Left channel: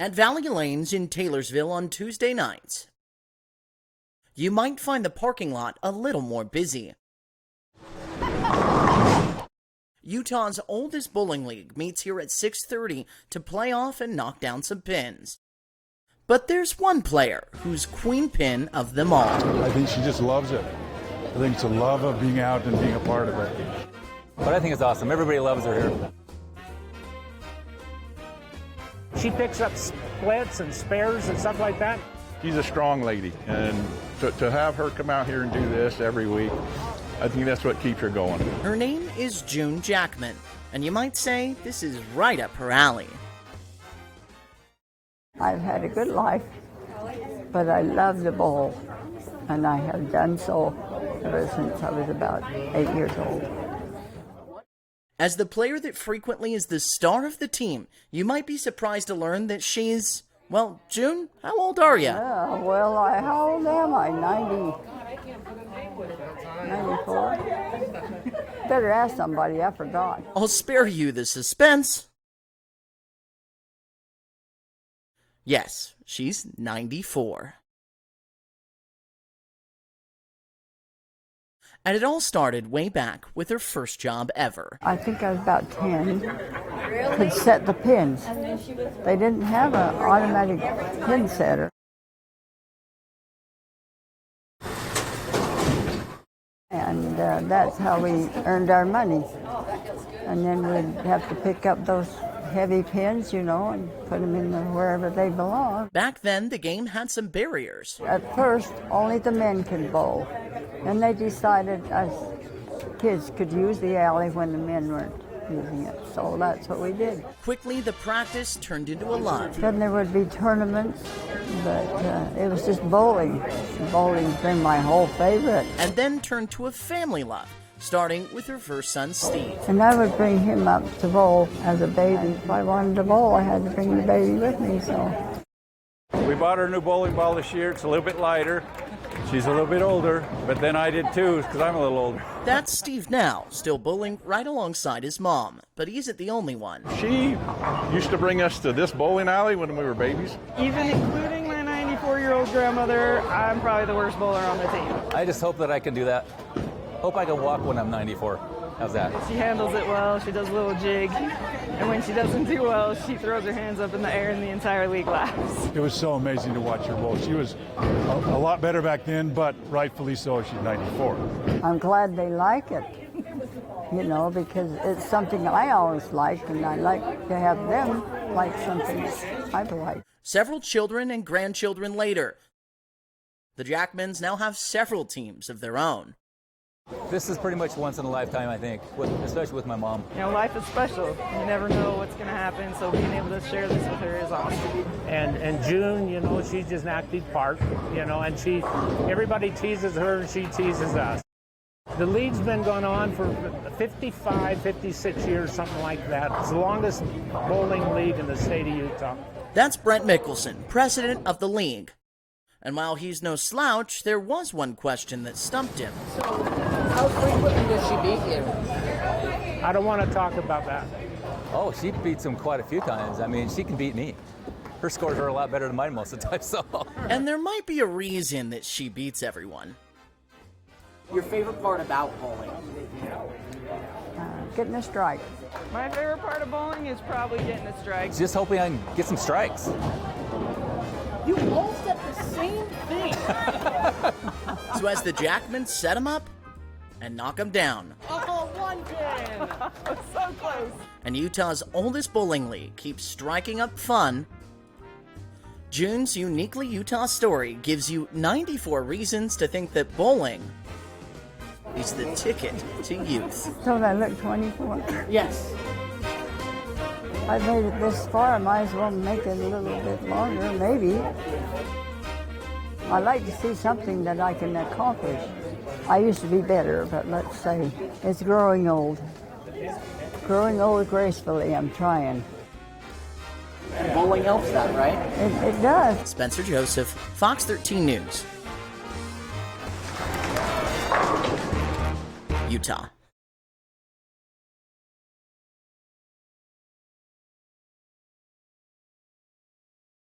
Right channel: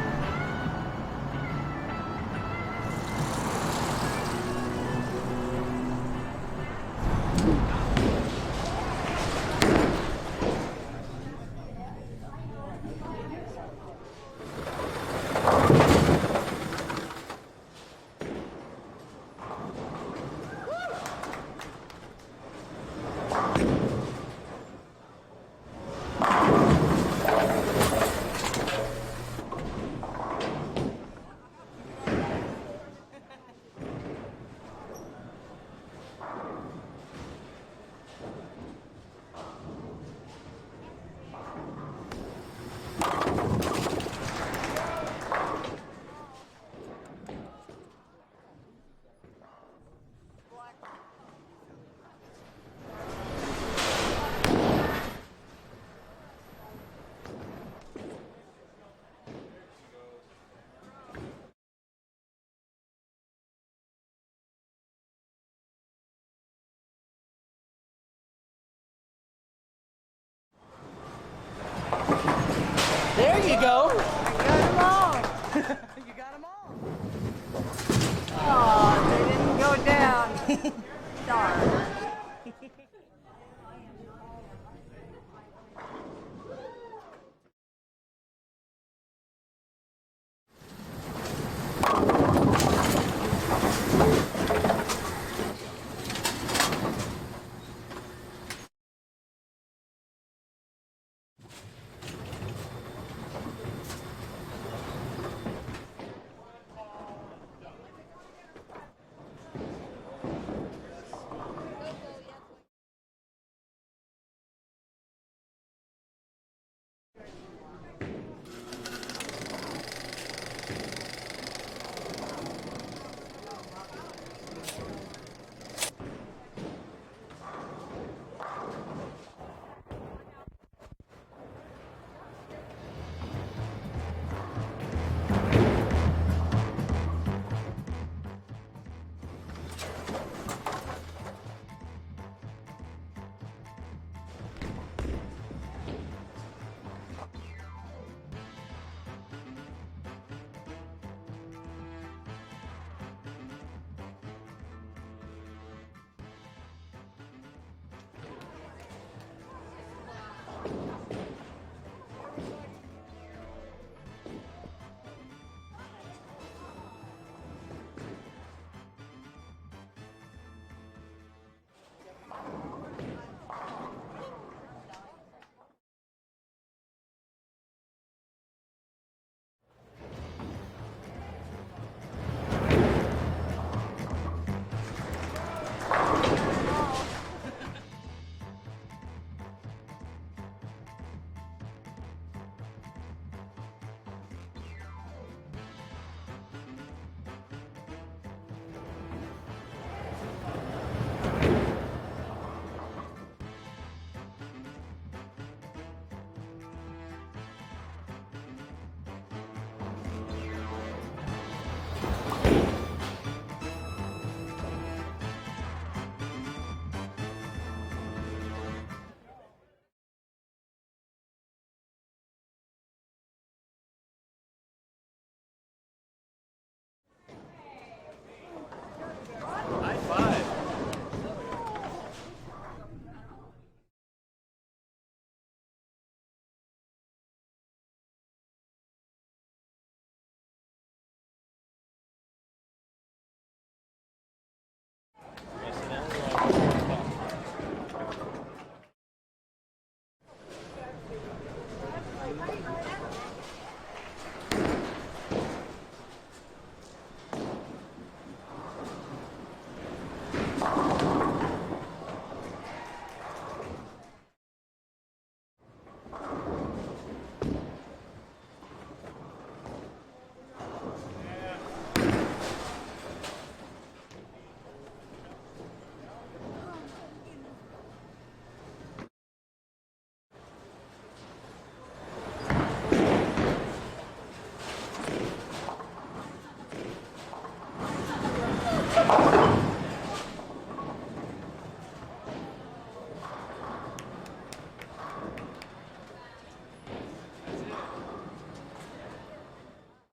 At Valley Lanes in Taylorsville on Tuesday nights, you might find the parking lot a little more busy. Utah's oldest bowling league meets here at 6:30 to play off and knock down some pins. But there's one player who's queen pin of them all. I think she just loves it. I think it's a love of being out and being a part of it. But I think it's awesome. Everybody loves her here. She picks up splits and spares and stuff like that. She's a strong lady, and to have her come out here and do this every week, I think that's what keeps her going. Her name is June Jackman, and you might say this is right up her alley. I've had a good life, but I love to bowl, and I have done so ever since I was about 8 years old. As the player that frequently is the star of the team, you might be surprised to learn that she's, well, June, how old are you? Yeah, well, how old am I? 94? Better ask somebody, I forgot. I'll spare you the suspense. There you go. Yes, she's 94. Oh, they didn't go down. Darn. And it all started way back with her first job ever. I think I was about 10. Could set the pins. They didn't have an automatic pin setter. And that's how we earned our money. And then we'd have to pick up those heavy pins, you know, and put them in wherever they belong. Back then, the game had some barriers. At first, only the men could bowl. And they decided us kids could use the alley when the men weren't using it. So that's what we did. Quickly, the practice turned into a love. Then there would be tournaments, but it was just bowling. Bowling's been my whole favorite. And then turned to a family love, starting with her first son, Steve. And I would bring him up to bowl as a baby. If I wanted to bowl, I had to bring the baby with me, so. We bought her a new bowling ball this year. It's a little bit lighter. She's a little bit older, but then I did too, because I'm a little older. That's Steve now, still bowling right alongside his mom. But he isn't the only one. She used to bring us to this bowling alley when we were babies. Even including my 94-year-old grandmother, I'm probably the worst bowler on the team. I just hope that I can do that. Hope I can walk when I'm 94. How's that? She handles it well. She does a little jig. And when she doesn't do well, she throws her hands up in the air and the entire league laughs. It was so amazing to watch her bowl. She was a lot better back then, but rightfully so. She's 94. I'm glad they like it, you know, because it's something I always liked, and I like to have them like something I've liked. Several children and grandchildren later, the Jackmans now have several teams of their own. This is pretty much once in a lifetime, I think, especially with my mom. You know, life is special. You never know what's going to happen, so being able to share this with her is awesome. And June, you know, she's just an active part, you know, and everybody teases her and she teases us. The league's been going on for 55, 56 years, something like that. It's the longest bowling league in the state of Utah. That's Brent Mickelson, president of the league. And while he's no slouch, there was one question that stumped him. How frequently does she beat you? I don't want to talk about that. Oh, she beats him quite a few times. I mean, she can beat me. Her scores are a lot better than mine most of the time, so. And there might be a reason that she beats everyone. High five. Your favorite part about bowling? Getting a strike. My favorite part of bowling is probably getting a strike. Just hoping I can get some strikes. You all said the same thing. So as the Jackmans set him up and knock him down, Oh, one pin. So close. and Utah's oldest bowling league keeps striking up fun, June's uniquely Utah story gives you 94 reasons to think that bowling is the ticket to youth. Don't I look 24? Yes. I've made it this far, I might as well make it a little bit longer, maybe. I like to see something that I can accomplish. I used to be better, but let's say it's growing old. Growing old gracefully, I'm trying. Bowling helps that, right? It does. Spencer Joseph, Fox 13 News, Utah.